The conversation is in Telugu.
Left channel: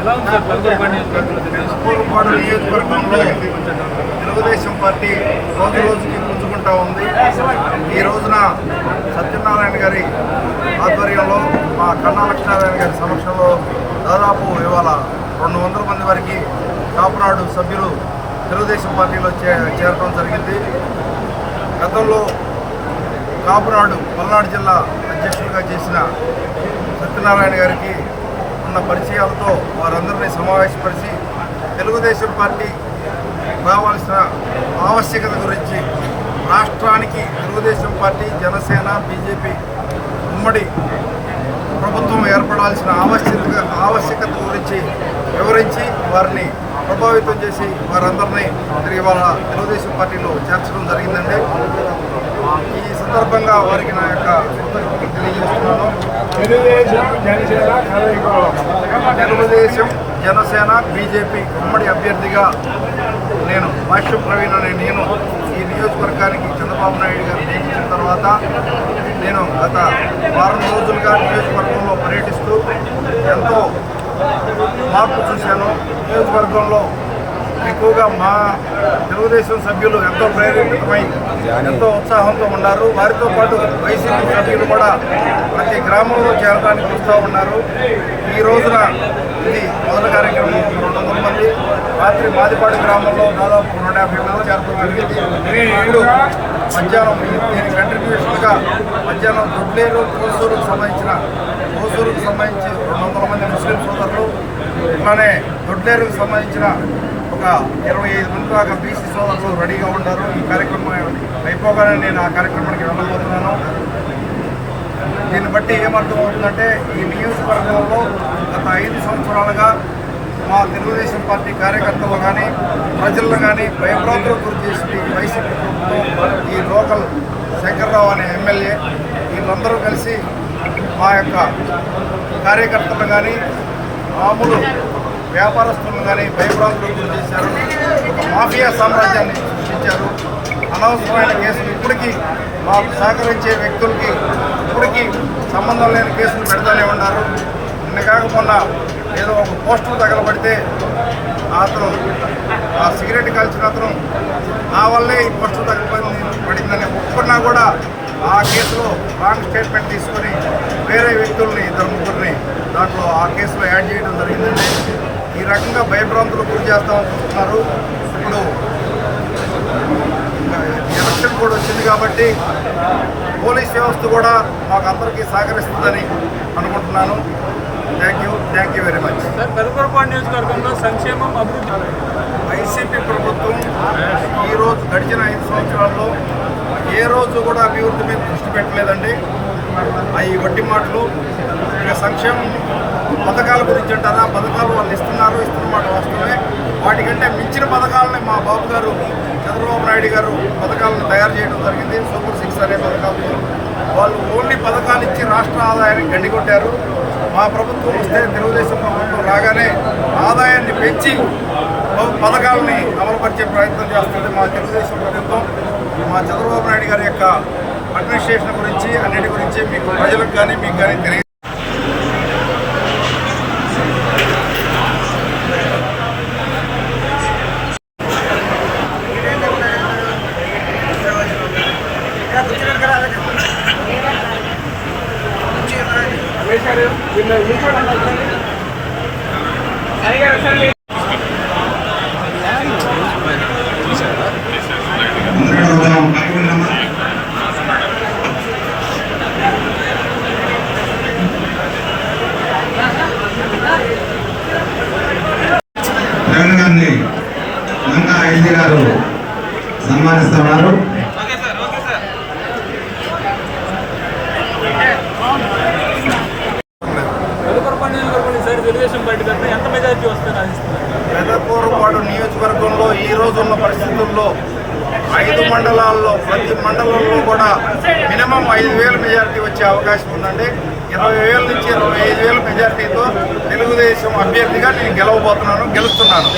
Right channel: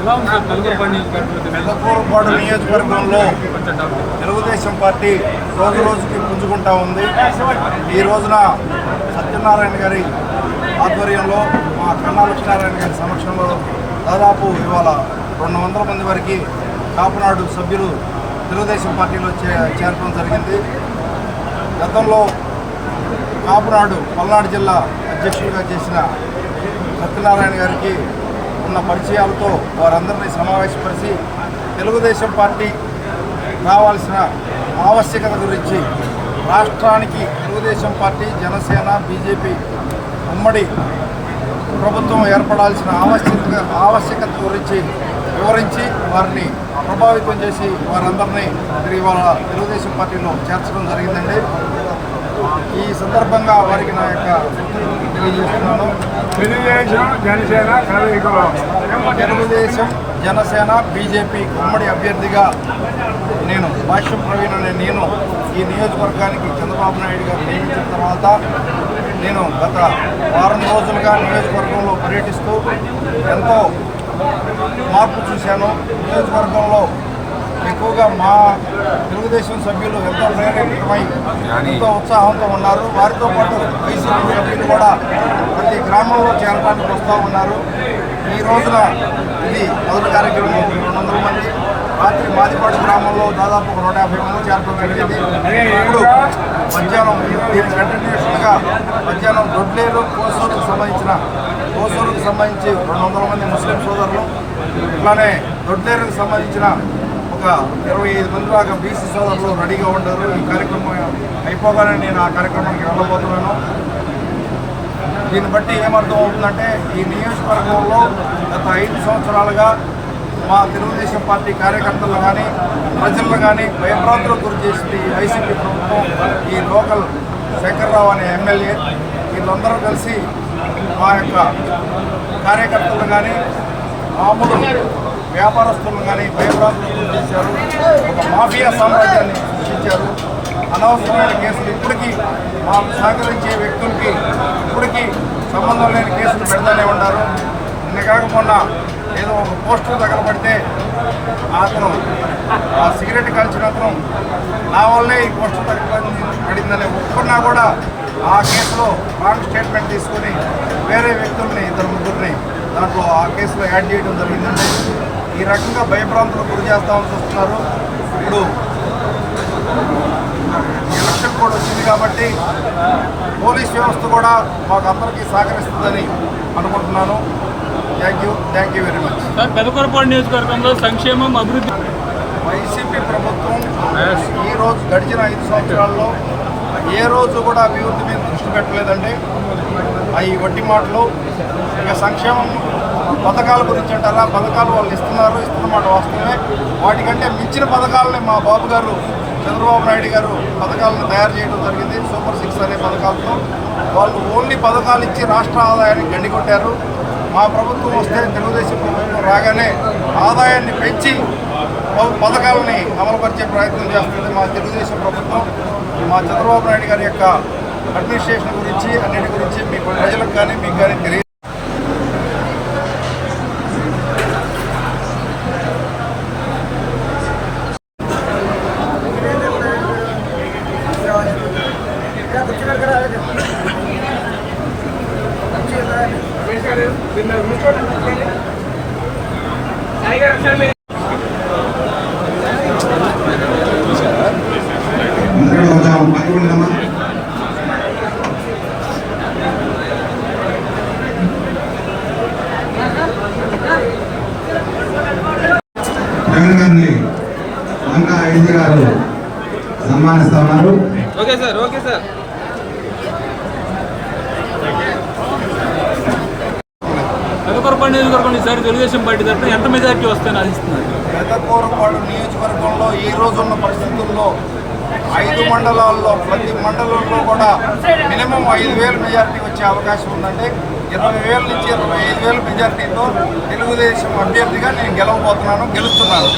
ఎలా నియోజకవర్గంలో? నియోజకవర్గంలో తెలుగుదేశం పార్టీ రోజు రోజుకి పుంజుకుంటా ఉంది. ఈ రోజున సత్యనారాయణ గారి ఆధ్వర్యంలో మా కన్నా లక్ష్మీనారాయణ గారి సమక్షంలో దాదాపు ఇవాళ రెండు వందల మంది వరకు కాపునాడు సభ్యులు తెలుగుదేశం పార్టీలో చే చేరడం జరిగింది. గతంలో కాపునాడు పల్నాడు జిల్లా అధ్యక్షులుగా చేసిన సత్యనారాయణ గారికి ఉన్న పరిచయాలతో వారందరినీ సమావేశపరిచి తెలుగుదేశం పార్టీ రావాల్సిన ఆవశ్యకత గురించి రాష్ట్రానికి తెలుగుదేశం పార్టీ జనసేన బీజేపీ ఉమ్మడి ప్రభుత్వం ఏర్పడాల్సిన ఆవశ్యకత ఆవశ్యకత గురించి వివరించి వారిని ప్రభావితం చేసి వారందరినీ తిరిగి వాళ్ళ తెలుగుదేశం పార్టీలో చేర్చడం జరిగిందండి. ఈ సందర్భంగా వారికి నా యొక్క కృతజ్ఞతలు తెలియజేస్తున్నాను. తెలుగుదేశం జనసేన తెలుగుదేశం జనసేన బీజేపీ ఉమ్మడి అభ్యర్థిగా నేను భాష్యం ప్రవీణ్ అనే నేను ఈ నియోజకవర్గానికి చంద్రబాబు నాయుడు గారు నియమించిన తర్వాత నేను గత వారం రోజులుగా నియోజకవర్గంలో పర్యటిస్తూ ఎంతో మార్పు చూశాను. నియోజకవర్గంలో ఎక్కువగా మా తెలుగుదేశం సభ్యులు ఎంతో ప్రేరేపితమై ఎంతో ఉత్సాహంతో ఉన్నారు. వారితో పాటు వైసీపీ సభ్యులు కూడా ప్రతి గ్రామంలో చేరడానికి వస్తూ ఉన్నారు. ఈ రోజున ఇది మొదటి కార్యక్రమం. రెండు వందల మంది. రాత్రి మాదిపాడు గ్రామంలో దాదాపు నూట యాభై మంది చేరడం జరిగింది. ఇప్పుడు మధ్యాహ్నం దీని కంటిన్యూషన్గా మధ్యాహ్నం దొడ్లేరు కోసూరుకు సంబంధించిన కోసూరుకు సంబంధించి రెండు వందల మంది ముస్లిం సోదరులు ఇట్లానే దొడ్లేరుకు సంబంధించిన ఒక ఇరవై ఐదు మంది దాకా బీసీ సోదరులు రెడీగా ఉంటారు ఈ కార్యక్రమం అయిపోగానే నేను ఆ కార్యక్రమానికి వెళ్ళబోతున్నాను. దీన్ని బట్టి ఏమర్థం అవుతుందంటే ఈ నియోజకవర్గంలో గత ఐదు సంవత్సరాలుగా మా తెలుగుదేశం పార్టీ కార్యకర్తలు కానీ ప్రజలను కానీ భయభ్రాంతులకు గురి చేసింది ఈ వైసీపీ ప్రభుత్వం ఈ లోకల్ శంకర్రావు అనే ఎమ్మెల్యే. వీళ్ళందరూ కలిసి మా యొక్క కార్యకర్తలు కానీ మామూలు వ్యాపారస్తులను కానీ భయభ్రాంతులకు గురి చేశారు. ఒక మాఫియా సామ్రాజ్యాన్ని సృష్టించారు. అనవసరమైన కేసులు ఇప్పటికీ మాకు సహకరించే వ్యక్తులకి ఇప్పటికీ సంబంధం లేని కేసులు పెడతానే ఉన్నారు. నిన్న కాకపోన్న ఏదో ఒక పోస్టర్ తగలబడితే అతను ఆ సిగరెట్ కాల్చిన అతను నా వల్లే ఈ పోస్టర్ తగలబడింది పడిందని ఒప్పుకున్నా కూడా ఆ కేసులో రాంగ్ స్టేట్మెంట్ తీసుకొని వేరే వ్యక్తుల్ని ఇద్దరు ముగ్గురిని దాంట్లో ఆ కేసులో యాడ్ చేయడం జరిగిందండి. ఈ రకంగా భయభ్రాంతులకు గురి చేస్తామని చూస్తున్నారు. ఇప్పుడు ఎలక్షన్ కూడా వచ్చింది కాబట్టి పోలీస్ వ్యవస్థ కూడా మాకు అందరికీ సహకరిస్తుందని అనుకుంటున్నాను. Thank you thank you very much నియోజకవర్గంలో సంక్షేమం అభివృద్ధి వైసీపీ ప్రభుత్వం ఈ రోజు గడిచిన ఐదు సంవత్సరాల్లో ఏ రోజు కూడా అభివృద్ధి మీద దృష్టి పెట్టలేదండి. అవి వడ్డీ మాటలు ఇక సంక్షేమం పథకాల గురించి అంటారా? పథకాలు వాళ్ళు ఇస్తున్నారు ఇస్తున్నమాట వాస్తవమే. వాటికంటే మించిన పథకాలని మా బాబు గారు చంద్రబాబు నాయుడు గారు పథకాలను తయారు చేయడం జరిగింది. సూపర్ సిక్స్ అనే పథకాలతో. వాళ్ళు ఓన్లీ పథకాలు ఇచ్చి రాష్ట్ర ఆదాయాన్ని గండికొట్టారు. మా ప్రభుత్వం వస్తే తెలుగుదేశం ప్రభుత్వం రాగానే ఆదాయాన్ని పెంచి పథకాలని అమలుపరిచే ప్రయత్నం చేస్తుంది మా తెలుగుదేశం ప్రభుత్వం. మా చంద్రబాబు నాయుడు గారి యొక్క అడ్మినిస్ట్రేషన్ గురించి అన్నిటి గురించి మీకు ప్రజలకు కానీ మీకు కానీ తెలియదు. అందరూ వద్దాం పాల్గొందామా మంగా ఎల్జీ గారు సన్మానిస్తున్నారు. పెదకూరపాడు నియోజకవర్గంలో ఈ రోజున్న పరిస్థితుల్లో ఐదు మండలాల్లో ప్రతి మండలంలో కూడా మినిమం ఐదు వేల మెజారిటీ వచ్చే అవకాశం ఉందండి. ఇరవై వేల నుంచి ఇరవై ఐదు వేల మెజారిటీతో తెలుగుదేశం అభ్యర్థిగా నేను గెలవబోతున్నాను గెలుస్తున్నాను.